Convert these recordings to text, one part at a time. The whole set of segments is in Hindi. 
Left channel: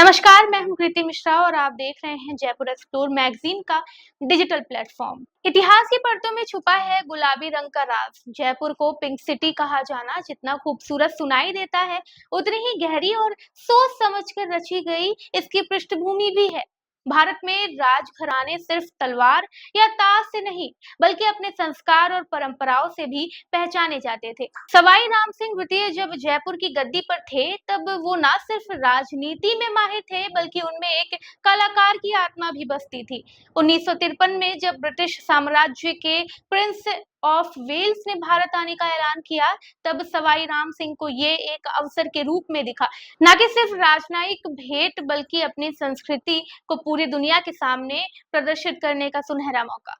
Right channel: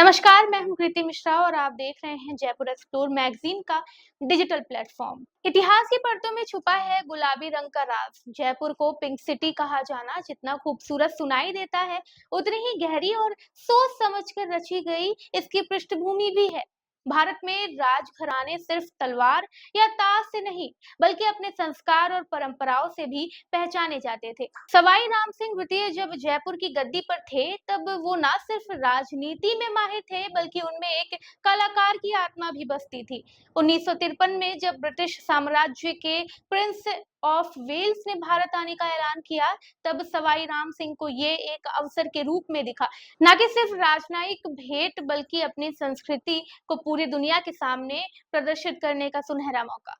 नमस्कार, मैं हूं कृति मिश्रा और आप देख रहे हैं जयपुर एक्सप्लोर मैगजीन का डिजिटल प्लेटफॉर्म। इतिहास की परतों में छुपा है गुलाबी रंग का राज। जयपुर को पिंक सिटी कहा जाना जितना खूबसूरत सुनाई देता है, उतनी ही गहरी और सोच समझकर रची गई इसकी पृष्ठभूमि भी है। भारत में राजघराने सिर्फ तलवार या ताज से नहीं, बल्कि अपने संस्कार और परंपराओं से भी पहचाने जाते थे। सवाई राम सिंह द्वितीय जब जयपुर की गद्दी पर थे, तब वो न सिर्फ राजनीति में माहिर थे, बल्कि उनमें एक कलाकार की आत्मा भी बसती थी। 1953 में जब ब्रिटिश साम्राज्य के प्रिंस ऑफ वेल्स ने भारत आने का ऐलान किया, तब सवाई राम सिंह को ये एक अवसर के रूप में दिखा, न कि सिर्फ राजनयिक भेंट, बल्कि अपनी संस्कृति को पूरी दुनिया के सामने प्रदर्शित करने का सुनहरा मौका।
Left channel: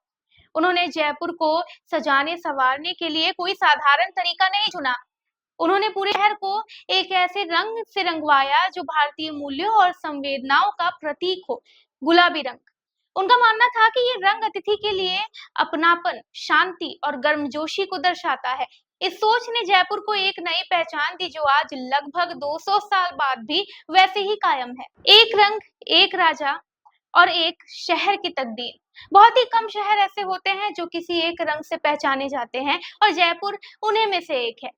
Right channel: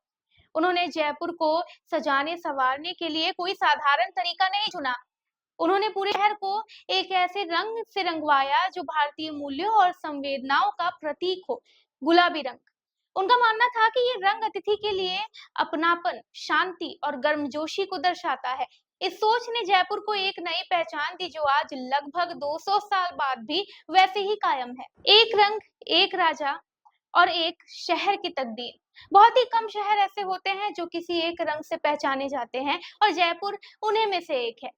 उन्होंने जयपुर को सजाने संवारने के लिए कोई साधारण तरीका नहीं चुना। उन्होंने पूरे शहर को एक ऐसे रंग से रंगवाया जो भारतीय मूल्यों और संवेदनाओं का प्रतीक हो, गुलाबी रंग। उनका मानना था कि ये रंग अतिथि के लिए अपनापन, शांति और गर्मजोशी को दर्शाता है। इस सोच ने जयपुर को एक नई पहचान दी जो आज लगभग 200 साल बाद भी वैसे ही कायम है। एक रंग, एक राजा और एक शहर की तकदीर। बहुत ही कम शहर ऐसे होते हैं जो किसी एक रंग से पहचाने जाते हैं, और जयपुर उन्हीं में से एक है।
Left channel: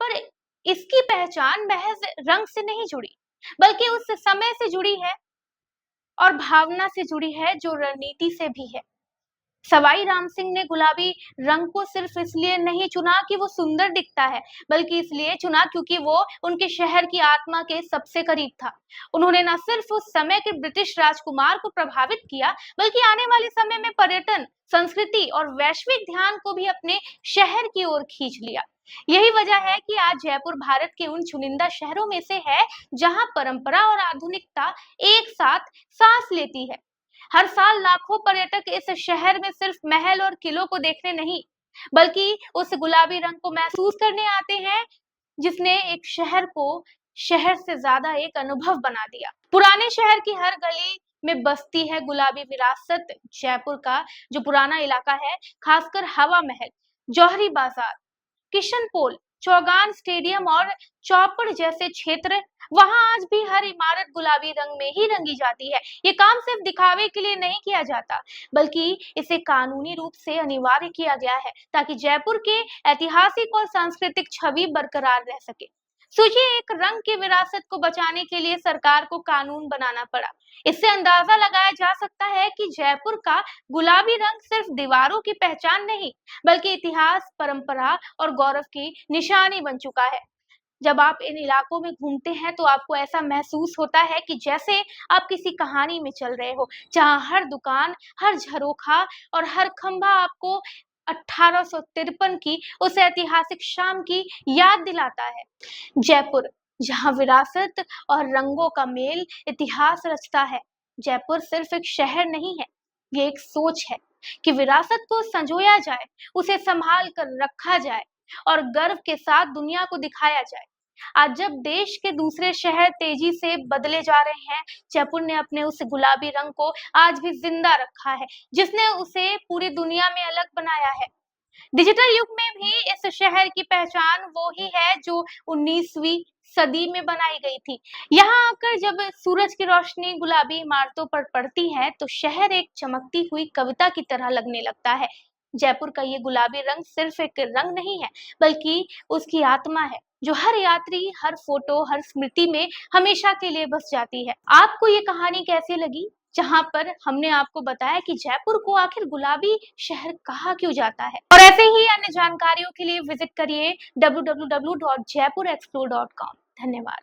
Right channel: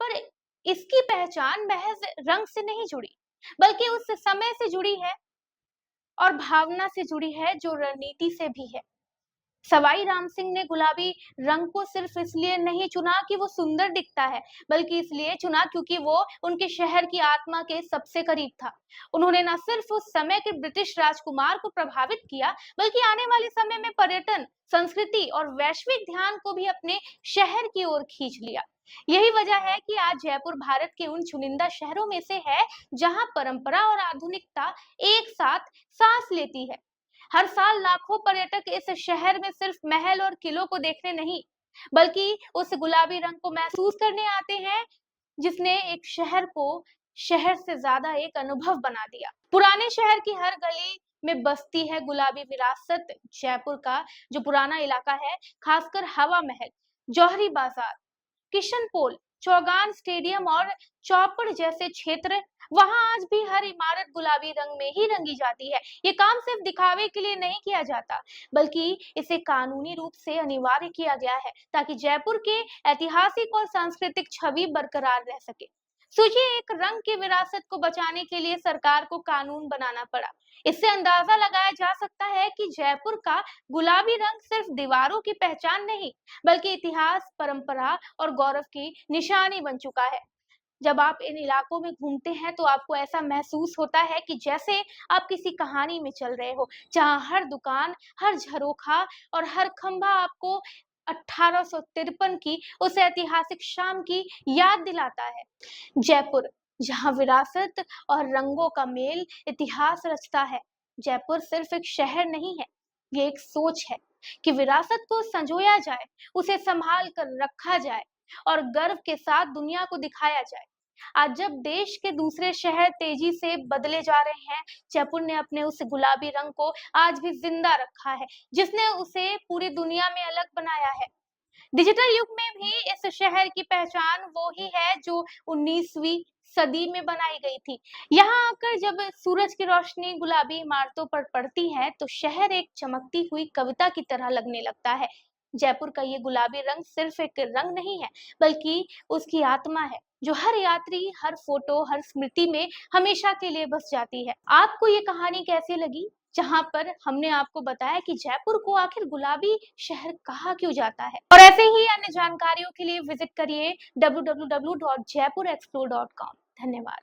पर इसकी पहचान महज रंग से नहीं जुड़ी, बल्कि उस समय से जुड़ी है और भावना से जुड़ी है जो रणनीति से भी है। सवाई राम सिंह ने गुलाबी रंग को सिर्फ इसलिए नहीं चुना कि वो सुंदर दिखता है, बल्कि इसलिए चुना क्योंकि वो उनके शहर की आत्मा के सबसे करीब था। उन्होंने न सिर्फ उस समय के ब्रिटिश राजकुमार को प्रभावित किया, बल्कि आने वाले समय में पर्यटन, संस्कृति और वैश्विक ध्यान को भी अपने शहर की ओर खींच लिया। यही वजह है कि आज जयपुर भारत के उन चुनिंदा शहरों में से है जहां परंपरा और आधुनिकता एक साथ सांस लेती है। हर साल लाखों पर्यटक इस शहर में सिर्फ महल और किलों को देखने नहीं, बल्कि उस गुलाबी रंग को महसूस करने आते हैं जिसने एक शहर को शहर से ज्यादा एक अनुभव बना दिया। पुराने शहर की हर गली में बसती है गुलाबी विरासत। जयपुर का जो पुराना इलाका है, खासकर हवा महल, जौहरी बाजार, किशन पोल, चौगान स्टेडियम और चौपड़ जैसे क्षेत्र, वहां आज भी हर इमारत गुलाबी रंग में ही रंगी जाती है। ये काम सिर्फ दिखावे के लिए नहीं किया जाता, बल्कि इसे कानूनी रूप से अनिवार्य किया गया है ताकि जयपुर के ऐतिहासिक और सांस्कृतिक छवि बरकरार रह सके। सोचिए, एक रंग की विरासत को बचाने के लिए सरकार को कानून बनाना पड़ा। इससे अंदाजा लगाया जा सकता है कि जयपुर का गुलाबी रंग सिर्फ दीवारों की पहचान नहीं, बल्कि इतिहास, परंपरा और गौरव की निशानी बन चुका है। जब आप इन इलाकों में घूमते हैं तो आपको ऐसा महसूस होता है कि जैसे आप किसी कहानी में चल रहे हो, जहां हर दुकान, हर झरोखा और हर खंभा आपको 1853 की उस ऐतिहासिक शाम की याद दिलाता है। जयपुर, जहां विरासत और रंगों का मेल इतिहास रचता है। जयपुर सिर्फ एक शहर नहीं है, ये एक सोच है कि विरासत को संजोया जाए, उसे संभाल कर रखा जाए और गर्व के साथ दुनिया को दिखाया जाए। आज जब देश के दूसरे शहर तेजी से बदले जा रहे हैं, जयपुर ने अपने उस गुलाबी रंग को आज भी जिंदा रखा है, जिसने उसे पूरी दुनिया में अलग बनाया है। डिजिटल युग में भी इस शहर की पहचान वो ही है जो 19वीं सदी में बनाई गई थी। यहाँ आकर जब सूरज की रोशनी गुलाबी इमारतों पर पड़ती है, तो शहर एक चमकती हुई कविता की तरह लगने लगता है। जयपुर का ये गुलाबी रंग सिर्फ एक रंग नहीं है, बल्कि उसकी आत्मा है, जो हर यात्री, हर फोटो, हर स्मृति में हमेशा के लिए बस जाती है। आपको ये कहानी कैसी लगी, जहां पर हमने आपको बताया कि जयपुर को आखिर गुलाबी शहर कहा क्यों जाता है? और ऐसे ही अन्य जानकारियों के लिए विजिट करिए www.jaipurexplore.com। धन्यवाद।